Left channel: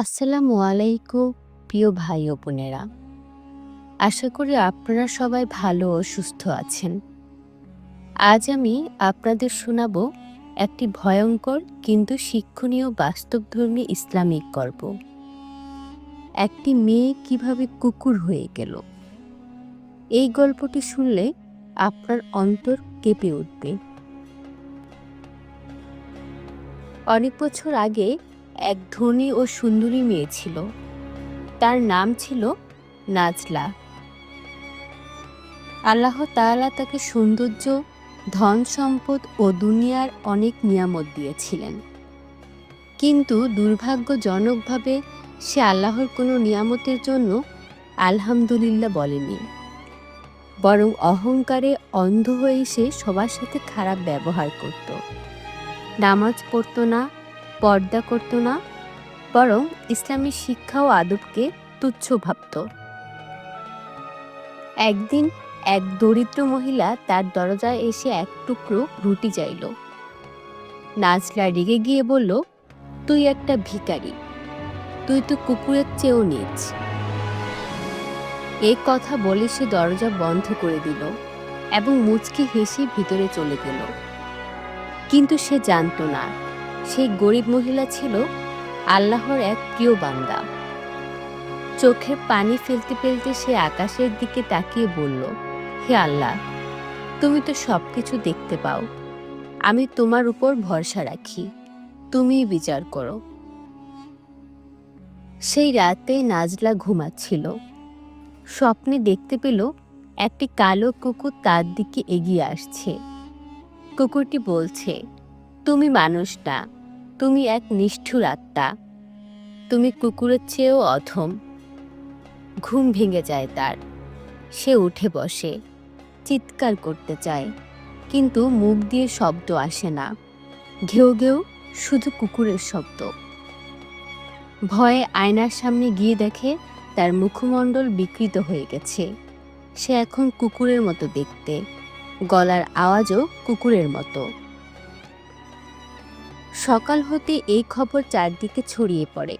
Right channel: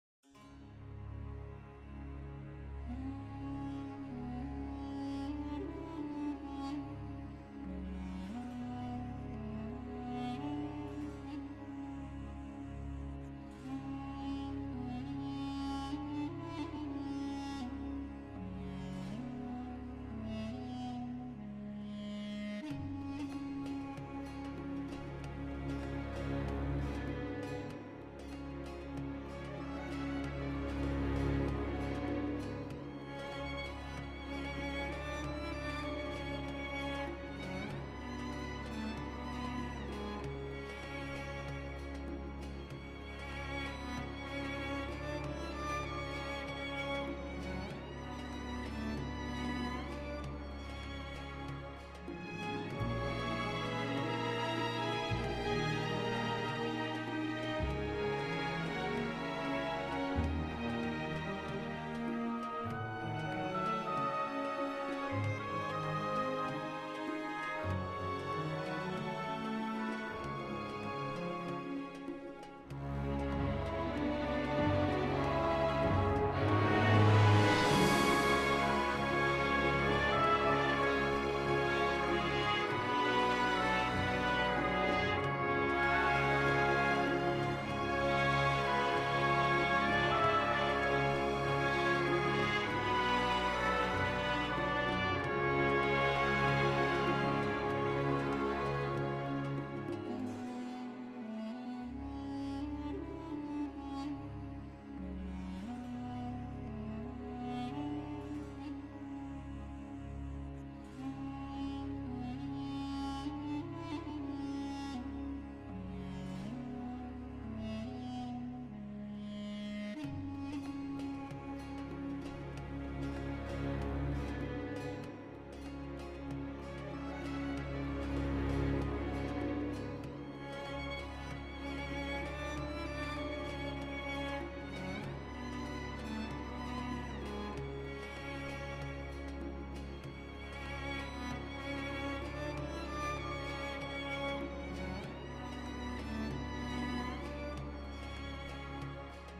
আসসালামু আলাইকুম, প্রিয় ভাই ও বোনেরা। আশা করি আপনারা সবাই ভালো ও সুস্থ আছেন। আজ আমি আপনাদের শোনাব একটি ভয়ঙ্কর কিন্তু শিক্ষণীয় বাস্তবধর্মী ইসলামিক গল্প। একটি মেয়ে কীভাবে কুকুর হয়ে গেল? এই গল্পটি শুনলে আপনার অন্তর কেঁপে উঠবে। অনেক বছর আগে এক ধনী ও সুন্দরী মেয়ে ছিল। তার নাম ছিল নাজলা। আল্লাহ তাআলা তাকে সৌন্দর্য, ধন সম্পদ ও দুনিয়ার অনেক নিয়ামত দিয়েছিলেন। কিন্তু দুর্ভাগ্যজনকভাবে সে আল্লাহর কোনো নিয়ামতের জন্য আলহামদুলিল্লাহ বলেনি। বরং অহংকারে অন্ধ হয়ে সে সবার সাথে খারাপ ব্যবহার করত। নামাজ পড়তো না পর্দা করতো না, বরং ইসলামী শিক্ষা ও আদবকে তুচ্ছ ভাবত। একদিন এক দরিদ্র মহিলা তার দরজায় এসে এক টুকরো রুটি চাইল। নাজলা রেগে গিয়ে বলল, তুই একটা ভিখারি, তুই তো কুকুরের চেয়েও নিচ। এই কথা বলে সে দরজা বন্ধ করে দিল এবং মুচকি হেসে ভিতরে চলে গেল। কিন্তু সে জানতো না। সেই গরিব মহিলা ছিল আল্লাহর এক প্রিয় বান্দা। চোখে পানি ফেলতে ফেলতে সে আকাশের দিকে তাকিয়ে বলল, হে আল্লাহ, তুমি তো সব কিছু দেখতে পাও। আমি তোমার উপর ভরসা রাখি। তুমিই বিচার করো। সেই রাতে নাজলা ঘুমাচ্ছিল। স্বপ্নে দেখতে পেল একটি কালো কুকুর তার দিকে এগিয়ে আসছে। কুকুরটি বলছে, তুমি মানুষ না তুমি এক নিষ্ঠুর আত্মা। তুমি কুকুরের চেয়েও অধম। ঘুম ভেঙে যায় তার। সে উঠে বসে। চিৎকার করতে চায়। কিন্তু মুখ দিয়ে শব্দ আসে না। ঘেউ ঘেউ শুধু কুকুরের শব্দ। ভয়ে আয়নার সামনে গিয়ে দেখে তার মুখমণ্ডল বিকৃত হয়ে গেছে। সে এখন কুকুরের মতো দেখতে। গলার আওয়াজও কুকুরের মতো। সকাল হতে এই খবর চারদিকে ছড়িয়ে পড়ে।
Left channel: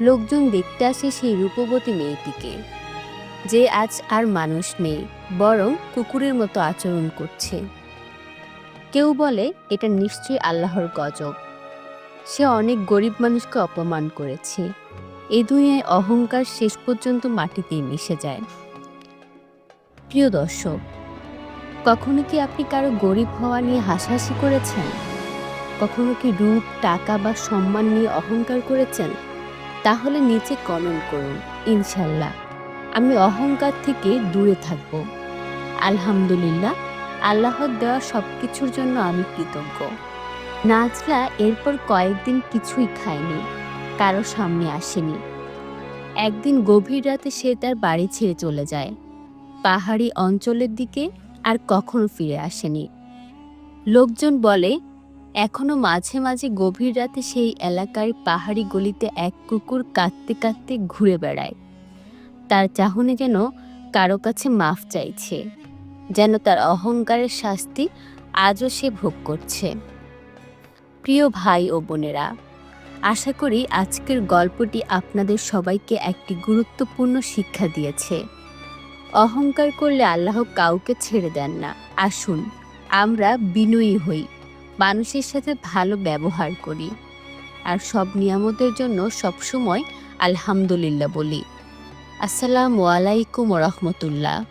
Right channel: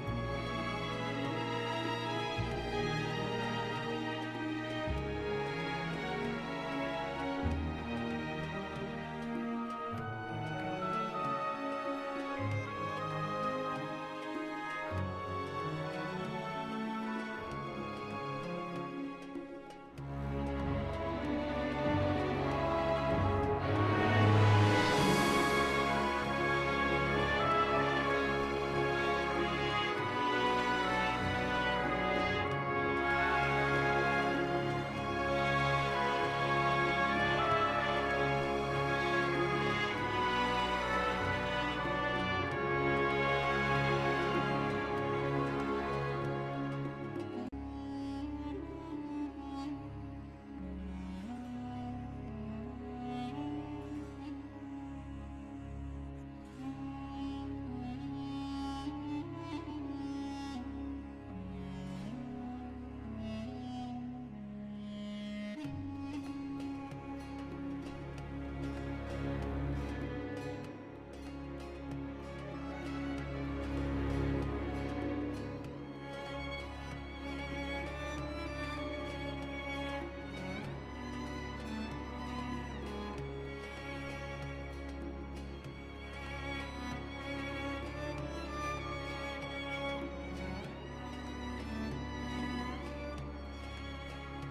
লোকজন দেখতে আসে সেই রূপবতী মেয়েটিকে। যে আজ আর মানুষ নেই, বরং কুকুরের মতো আচরণ করছে। কেউ বলে, এটা নিশ্চয়ই আল্লাহর গজব। সে অনেক গরিব মানুষকে অপমান করেছে। এ দুনিয়ায় অহংকার শেষ পর্যন্ত মাটিতেই মিশে যায়। প্রিয় দর্শক, কখনো কি আপনি কারও গরিব হওয়া নিয়ে হাসাহাসি করেছেন? কখনো কি রূপ, টাকা বা সম্মান নিয়ে অহংকার করেছেন? তাহলে নিচে কমেন্ট করুন, ইনশাল্লাহ। আমি অহংকার থেকে দূরে থাকব। আলহামদুলিল্লাহ, আল্লাহর দেওয়া সব কিছুর জন্য আমি কৃতজ্ঞ। নাজলা এরপর কয়েকদিন কিছুই খায়নি, কারও সামনে আসেনি। একদিন গভীর রাতে সে তার বাড়ি ছেড়ে চলে যায়। পাহাড়ি অঞ্চলের দিকে আর কখনো ফিরে আসেনি। লোকজন বলে এখনও মাঝে মাঝে গভীর রাতে সেই এলাকার পাহাড়ি গলিতে এক কুকুর কাঁদতে কাঁদতে ঘুরে বেড়ায়। তার চাহনি যেন কারও কাছে মাফ চাইছে, যেন তার অহংকারের শাস্তি আজও সে ভোগ করছে। প্রিয় ভাই ও বোনেরা, আশা করি আজকের গল্পটি আপনাদের সবাইকে একটি গুরুত্বপূর্ণ শিক্ষা দিয়েছে। অহংকার করলে আল্লাহ কাউকে ছেড়ে দেন না। আসুন, আমরা বিনয়ী হই। মানুষের সাথে ভালো ব্যবহার করি। আর সব নিয়ামতের জন্য সবসময় আলহামদুলিল্লাহ বলি। আসসালামু আলাইকুম রহমতুল্লাহ।